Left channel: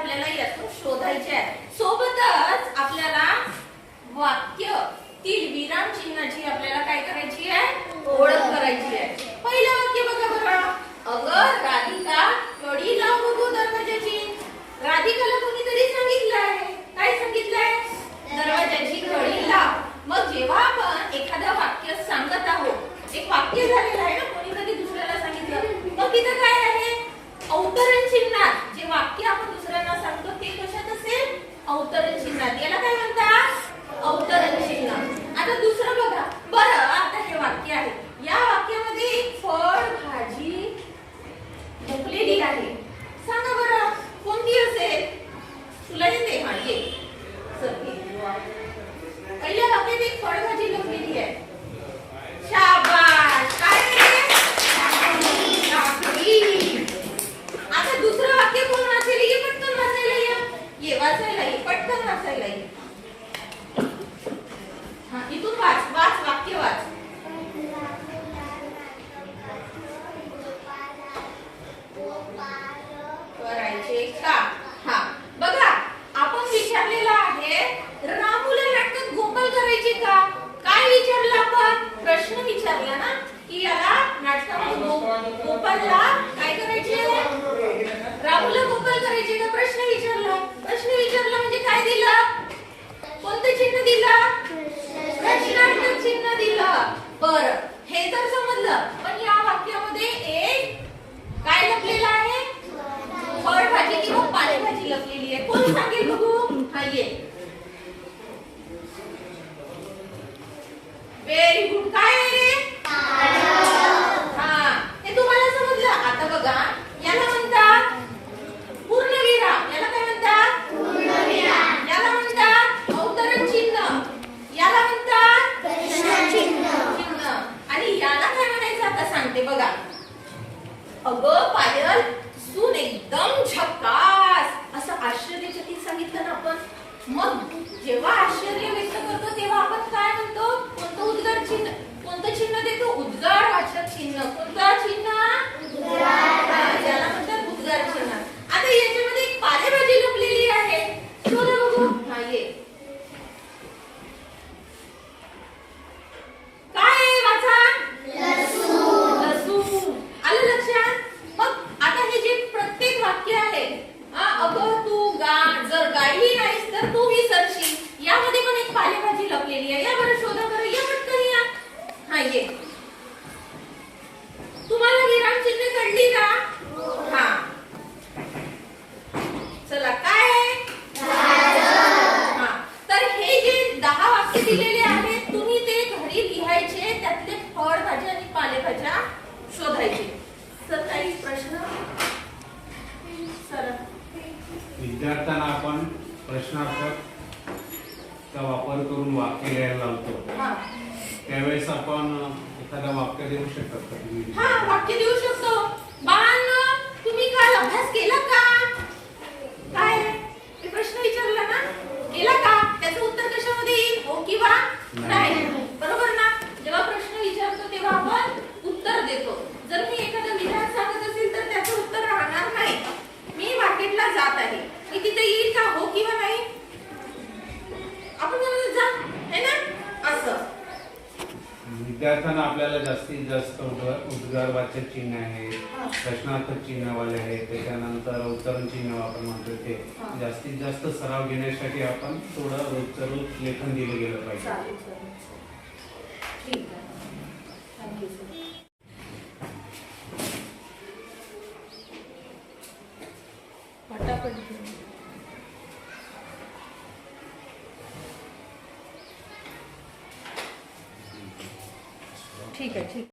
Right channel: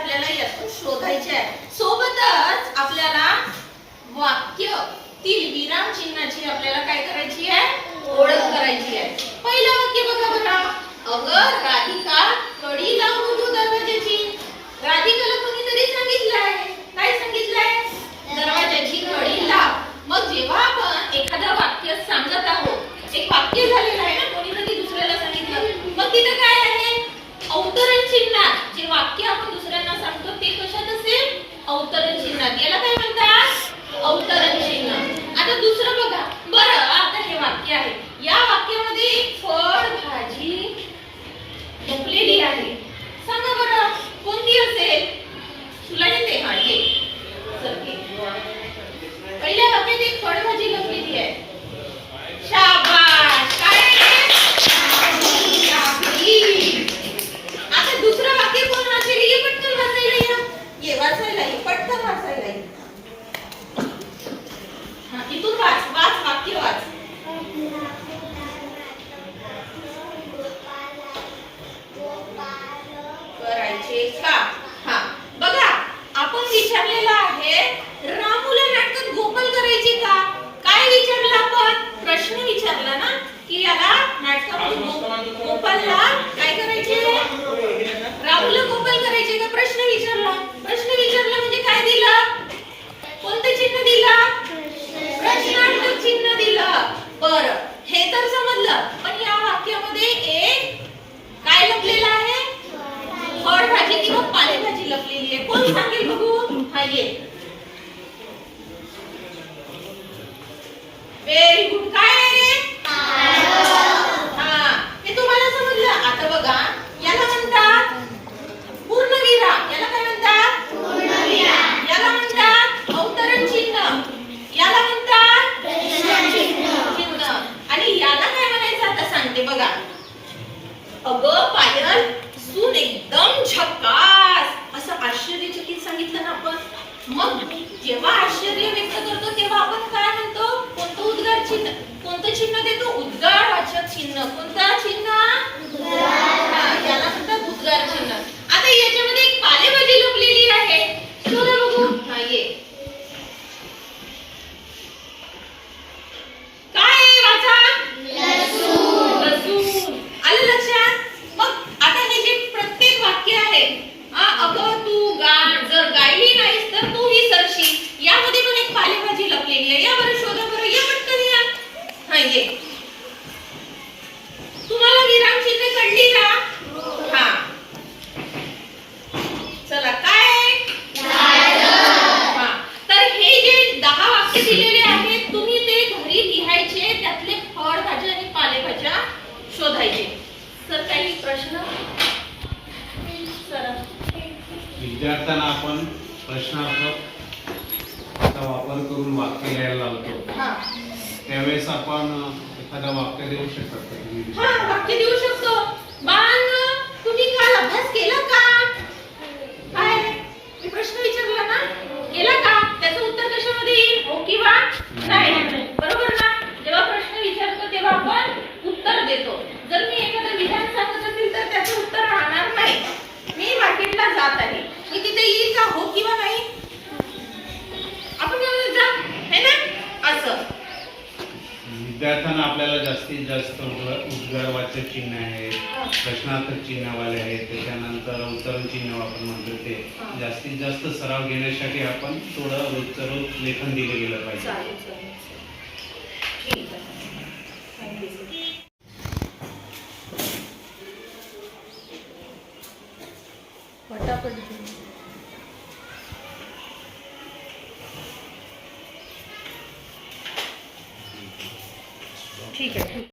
आपल्याला यातून शोधायचे आहे. सोबतच आपल्याला वाक्य तील विराम चिन्हाची आपल्याला काय करायची आहे? ओळख करायची आहे. पहिलं वाक्य बघा बरं. अगं राधिका कडी लावून नको दरवाजाची राधिकाला कोणीतरी सांगितलं आहे काय सांगितलं आहे दरवाजाची कडी लाव. मग जेव्हा आपण एखादं वाक्य सांगत आहोत एक वाक्य झालेलं आहे ना कोणीतरी दुसऱ्याला सांगितलं. मग तिथं काय आहे? अवतरण चिन्हात जे वाक्य आपण दुसऱ्यांना सांगतो ते कशात असेल अवतरण चिन्हात याला काय म्हणतात अवतरण चिन्ह आता दुसरं बघा बरं आता हे वाक्य आहे या वाक्यामध्ये एक फळ भाजी लपलेली आहे सांगा बरं कोणती असेल तुला येते हा ये चल ये. पहिल्या वाक्यात एक फळभाजी लपलेली आहे शाबाश काय आहे? काकडी. आता दुसरं वाक्य कोण वाचेल ये पटकन वाचायला या ये वाचायला ये पटकन वाचायला ये हा इथून वाच वाच वाक्य वाच करायचे का हा बघा आपण विचारलेलं आहे रामूला नाटकात गोपाल करायचे का काय विचारलं आपण प्रश्न विचारला ना की याला नाटकामध्ये गोपालला काय करायचे? रामूला गोपाल करायचे का? प्रश्न विचारला. प्रश्न विचारला म्हणजे काय दिलं? कोणतं चिन्ह दिलं? प्रश्नार्थक चिन्ह दिलं. बर हे तर समजलं. पण या वाक्यामध्ये एक काय लपलेलं आहे? फळभाजी किंवा पालेभाजी लपलेली आहे. कोण सांगेल बघू? हा ये व्हेरी गुड काय आहे रे हा हे तुम्हाला समजलं आता बघा याला म्हणतात पूर्णविराम याला काय म्हणतात याला म्हणतात अवतरण चिन्ह याला म्हणतात चिन्ह आणि याला काय म्हणायचं आता सांगते बघा. अगं पायल सून एकदम झकास. असं आश्चर्यचकित सांगितलं ना आपण. मग जेव्हा आश्चर्य व्यक्त करतो तेव्हा आपण काय म्हणतो? कोणतं उद्गार चिन्ह? कोणतं चिन्ह देतो? उद्गार वाचक चिन्ह. कोणतं चिन्ह हा, याला म्हणतात उद्गार चिन्ह आता याच्यामध्ये एक पालेभाजी लपलेली आहे शोधा बघू हा ये काय आहे वाचा लसूण आलं लक्षात मग आता हे जे प्रत्येक वाक्य आहे हा, अगं तू गा जर गायली नाहीस तर तू विसरशील यामध्ये पण एक पालेभाजी लपलेली आहे या बरं शोधा बरं या पटकन या हा ये तुम्हाला विराम चिन्ह कळली का हा चला काय आहे हा तर हे जे दहा वाक्य दिलेले आहेत तुम्ही ते घरी लिहायचे त्यातले फळभाज्या आणि पालेभाज्या शोधायचे सर काही प्रश्न सर विद्यार्थ्यांना आपण प्रश्नार्थक वापर करून वाक्य लिहायला लावतो हा. त्यावेळेस आपण एखादा वाक्य देऊ शकतात हा वाक्य देऊ शकतो बाळांनो तुम्ही काल अभ्यास केला का काय मी प्रश्न विचारला ना केला का त्याचं उत्तर कशामध्ये येईल हो किंवा नाही बरोबर ना जेव्हा प्रश्न विचारतो तेव्हा आपण उत्तर देतो जर मी एखादं विधान सांगत असेल तर त्याचं उत्तर राहणार नाही मी मार्केटला जात आहे मी तिथे येईल का हो किंवा नाही आपण म्हणतो जा है ना असं विद्यार्थ्यांना आपल्याला जास्तीत जास्त उद्गार उद्गारवाचक चिन्ह आहे प्रश्नार्थक चिन्हवाले आहे त्याच्यानंतर उत्तरण चिन्ह आपण म्हणतो ते. हा. जास्तीत जास्त सराव घेण्यासाठी आपण थोडं रोजचं रोज लेखन दिलं गेलं पाहिजे. पटापट ठीक आहे ठीक